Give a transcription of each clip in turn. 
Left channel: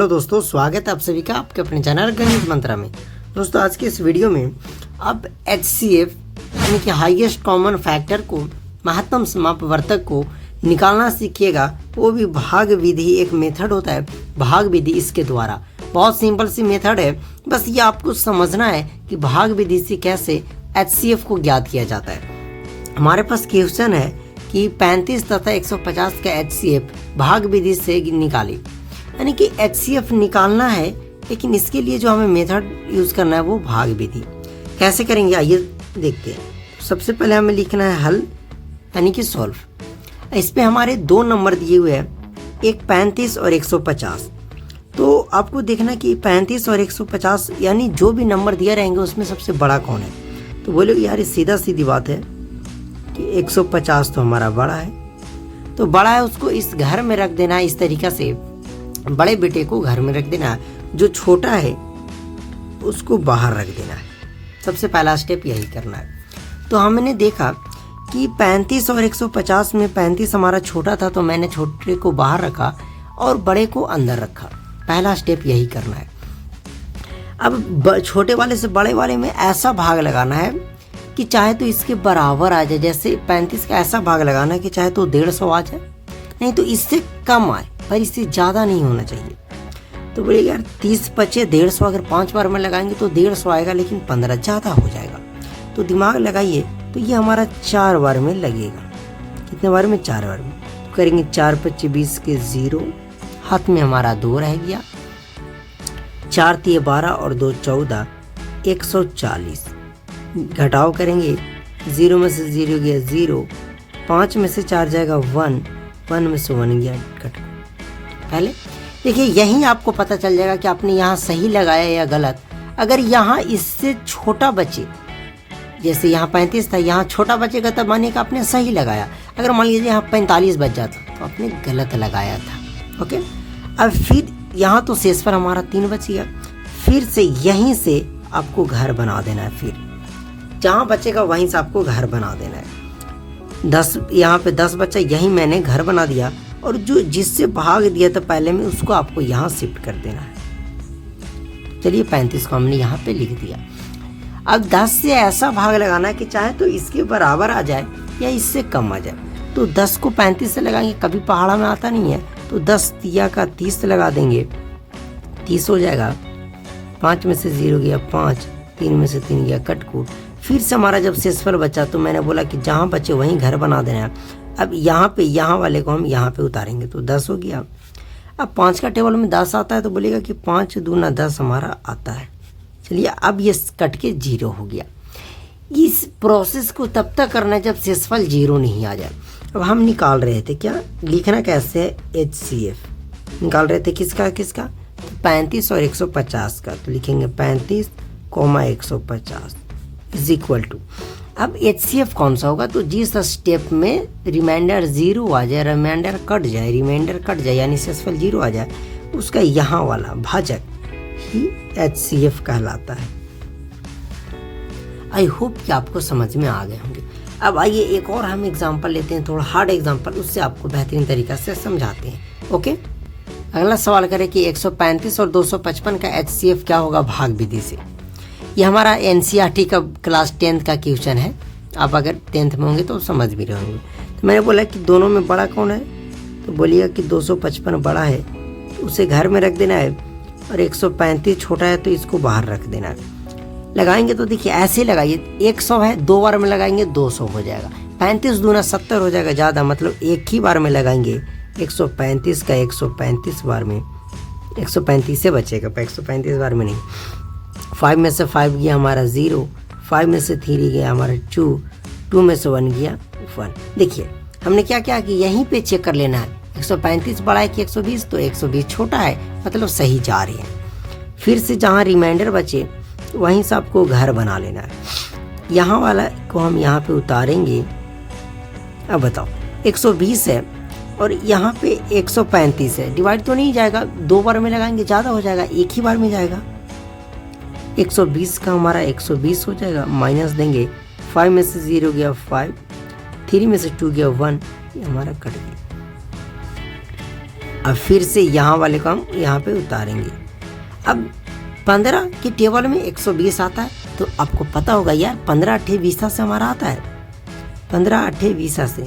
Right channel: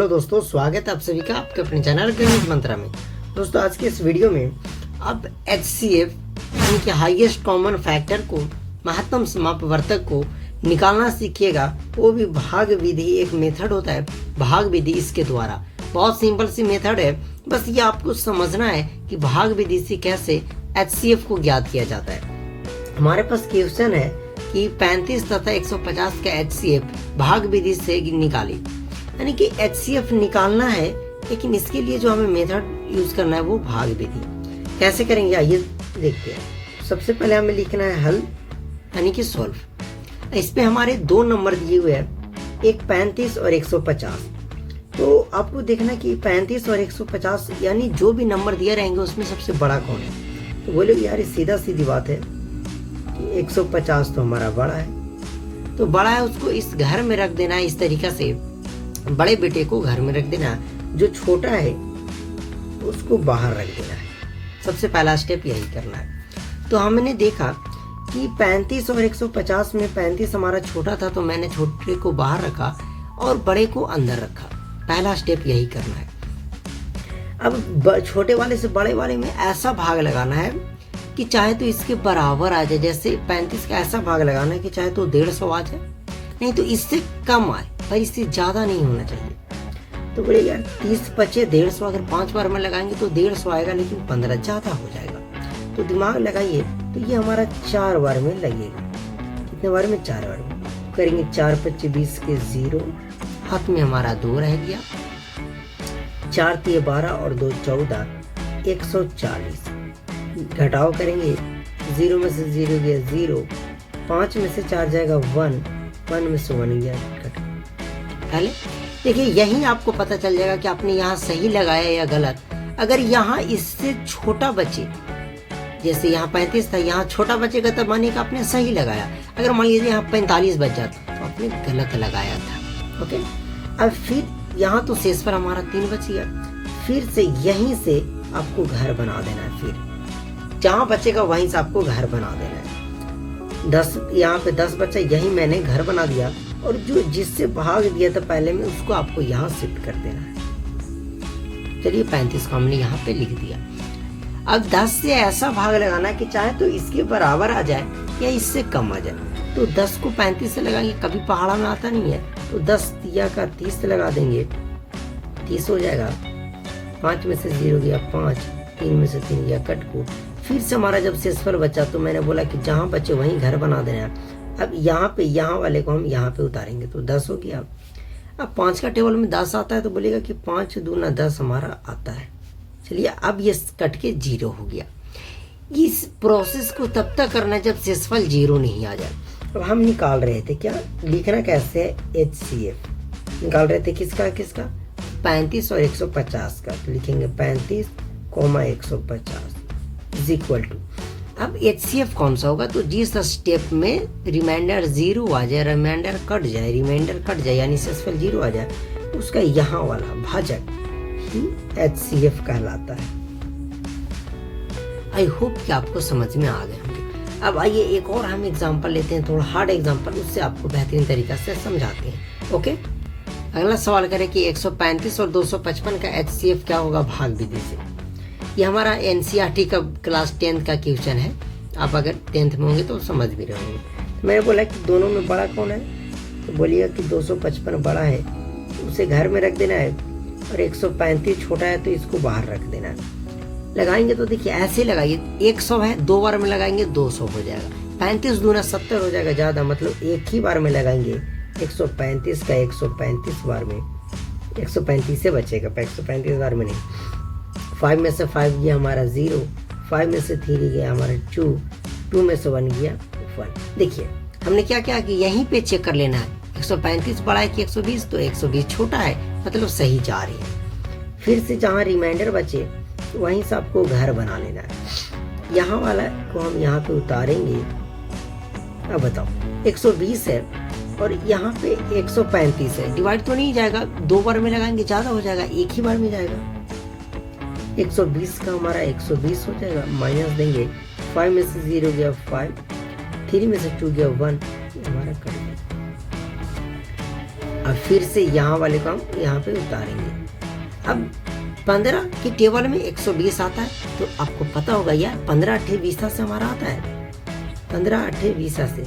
Hello दोस्तों, स्वागत है आप सभी का आपके अपने चैनल गणित मंत्रा में। दोस्तों आज के इस वीडियो में अब HCF यानी कि हाईएस्ट कॉमन फैक्टर को, महत्तम समापवर्तक को निकालना सीखिएगा। वो भी भाग विधि, एक मेथड होता है भाग विधि, इसके द्वारा। बहुत सिंपल सी मेथड है, बस ये आपको समझना है कि भाग विधि से कैसे HCF को ज्ञात किया जाता है। हमारे पास क्वेश्चन है कि 35 तथा 150 का HCF भाग विधि से निकाले, यानी कि HCF निकालना है, लेकिन इसके लिए जो हमें मेथड यूज करना है वो भाग विधि। कैसे करेंगे आइए देखते हैं। सबसे पहले हमें लिखना है हल, यानी कि सॉल्व। इस पे हमारे दो नंबर दिए हुए हैं, एक 35 और 150। तो आपको देखना कि 35 और 150 यानी जो भी नंबर दिए रहेंगे उसमें सबसे बड़ा कौन है। तो बोलोगे यार सीधा सीधी बात है कि 150 तो हमारा बड़ा है, तो बड़ा है उसको इस घर में रख देना है। इस तरीका से बड़े बेटे को घर में रख देना है, जो छोटा है उसको बाहर रख देना है। सबसे पहला स्टेप यही करना है। तो हमने देखा कि 35 और 150 में 35 हमारा छोटा था, तो मैंने छोटे को बाहर रखा और बड़े को अंदर रखा। पहला स्टेप यही करना है। अब छोटे वाले से बड़े वाले में ऐसा भाग लगाना है कि चाहे तो इसके बराबर आ जाए। जैसे 35 का ऐसा भाग लगाना है कि चाहे तो 150 आ जाए, नहीं तो इससे कम आए, पर इससे ज़्यादा नहीं होना चाहिए। तो बोले यार 30 बचे 150, अगर 5 बार में लगाएंगे तो 150 आएगा, लेकिन 15 ज़्यादा हो जाएगा। तो दिमाग लगाइए, तो ये हमारा 4 बार में लगेगा। कितने बार में? 4 बार में। तो करेंगे 4 5 20 के 0, हाथ में हमारा 2 रह गया। 4 3 12 और 2 14, 140। घटाव करेंगे, 0 में से 0 गया 0, 5 में से 4 जाएगा 1, 1 में से 1 गया कट। पहले देखिए, यही आपको पता चल जाएगा कि आपने यहाँ सही लगाया या गलत। अगर यहाँ इससे छोटा बचे, जैसे यहाँ 35 था, यहाँ छोटा बचेगा तब मानिए कि आपने सही लगाया। अगर मान लीजिए यहाँ 45 बच जाता तो आपने गलत लगाया था। ओके, अब फिर यहाँ तो शेषफल हमारा 3 बच गया। फिर से यहीं से आपको घर बना देना है। फिर जहाँ बचेगा वहीं से आपको घर बना देना है। 10 यहाँ पे 10 बचा, यही मैंने घर बना दिया, और जो जिससे भाग दिया था पहले में उसको आपको यहाँ शिफ्ट कर देना है। चलिए 35 को हमने यहाँ पे लिख दिया। अब 10 से ऐसा भाग लगाना है कि चाहे तो इसके बराबर आ जाए या इससे कम आ जाए। तो 10 को 35 से लगाएंगे, कभी पहाड़ा में आता नहीं है, तो 10 तिया का 30 लगा देंगे, 30 हो जाएगा। 5 में से 0 गया 5, 3 में से 3 गया कटकूट। फिर से हमारा जब शेषफल बचा तो मैंने बोला कि जहाँ बचे वहीं घर बना देना है। अब यहाँ वाले को हम यहाँ पे उतारेंगे तो 10 हो गया। अब 5 का टेबल में 10 आता है, तो बोलेगा कि 5 दूना 10 हमारा आता है। चलिए अब ये कट के 0 हो गया। इस प्रोसेस को तब तक करना है जब शेषफल 0 नहीं आ जाए। अब हम निकाल रहे थे क्या, लिखना कैसे है, HCF निकाल रहे थे किसका 35 और 150 का। तो लिखेंगे 35, 150 इज इक्वल टू। अब HCF कौन सा होगा, तो जिस स्टेप में रिमाइंडर 0 आ जाए, रिमाइंडर कट जाए यानी शेषफल 0 आ जाए, उसका यहाँ वाला भाजक ही HCF कहलाता है। आई होप कि आपको समझ में आ गए होंगे। अब आइए एक और हम एग्जांपल लेते हैं, थोड़ा हार्ड एग्जांपल, उससे आपको बेहतरीन तरीका से समझाते हैं। ओके, अगला सवाल करें कि 135 और 255 का HCF क्या होगा भाग विधि से। ये हमारा NCERT का क्लास 10th का क्वेश्चन है। आप अगर 10th में होंगे तो समझ भी रहे होंगे। तो मैंने बोला कि दोनों में बड़ा कौन है, तो बोलिएगा कि 255 बड़ा है, तो उसे घर में रख देना है, और 135 छोटा है तो इसको बाहर रख देना है। लगाएंगे तो देखिए ऐसे लगाइए, 100 है, 2 बार में लगाएंगे 200 हो जाएगा। 35 दूना 70 हो जाएगा ज़्यादा, मतलब एक ही बार में लगाएंगे 135 का 135 बार में 135 से बचेगा, 135 बार में नहीं। 5 में से 5 गया हमारा 0, 5 में से 3 गया हमारा 2, 2 में से 1 गया 1। देखिए हमने क्या किया कि यहीं पे चेक कर लेना है, 135 बड़ा है कि 120, तो 120 छोटा है, मतलब सही जा रही है। फिर से जहाँ रिमाइंडर बचे वहीं से आपको घर बना लेना है। यहाँ वाला को हम यहाँ पे उतारेंगे। अब बताओ 120 है और यहाँ पे 135 है, डिवाइड तो नहीं जाएगा, 2 बार में लगाएंगे ज़्यादा हो जाएगा, एक ही बार में जाएगा। 120 का हमारा 120 हो जाएगा, माइनस देंगे, 5 में से 0 गया 5, 3 में से 2 गया 1, ये हमारा कट गया। और फिर से यहाँ वाले को हम यहाँ पे उतारेंगे। अब 15 की टेबल में 120 आता है, तो आपको पता होगा यार 15 8 20 से हमारा आता है, 15 8 20 से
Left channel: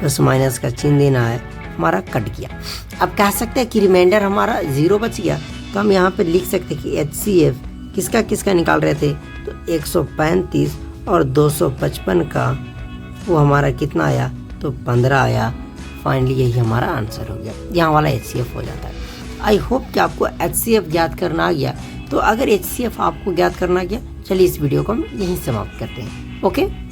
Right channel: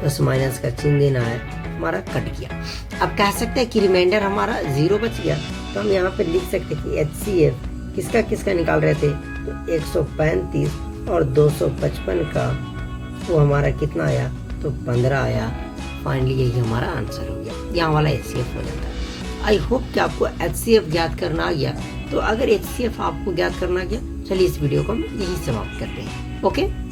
प्लस माइनस का चिन्ह देना है, हमारा कट गया। अब कह सकते हैं कि रिमाइंडर हमारा 0 बच गया, तो हम यहाँ पे लिख सकते हैं कि HCF किसका किसका निकाल रहे थे, तो 135 और 255 का वो हमारा कितना आया, तो 15 आया। फाइनली यही हमारा आंसर हो गया, यहाँ वाला HCF हो जाता है। आई होप कि आपको HCF ज्ञात करना आ गया। तो अगर HCF आपको ज्ञात करना आ गया, चलिए इस वीडियो को हम यहीं समाप्त करते हैं। ओके।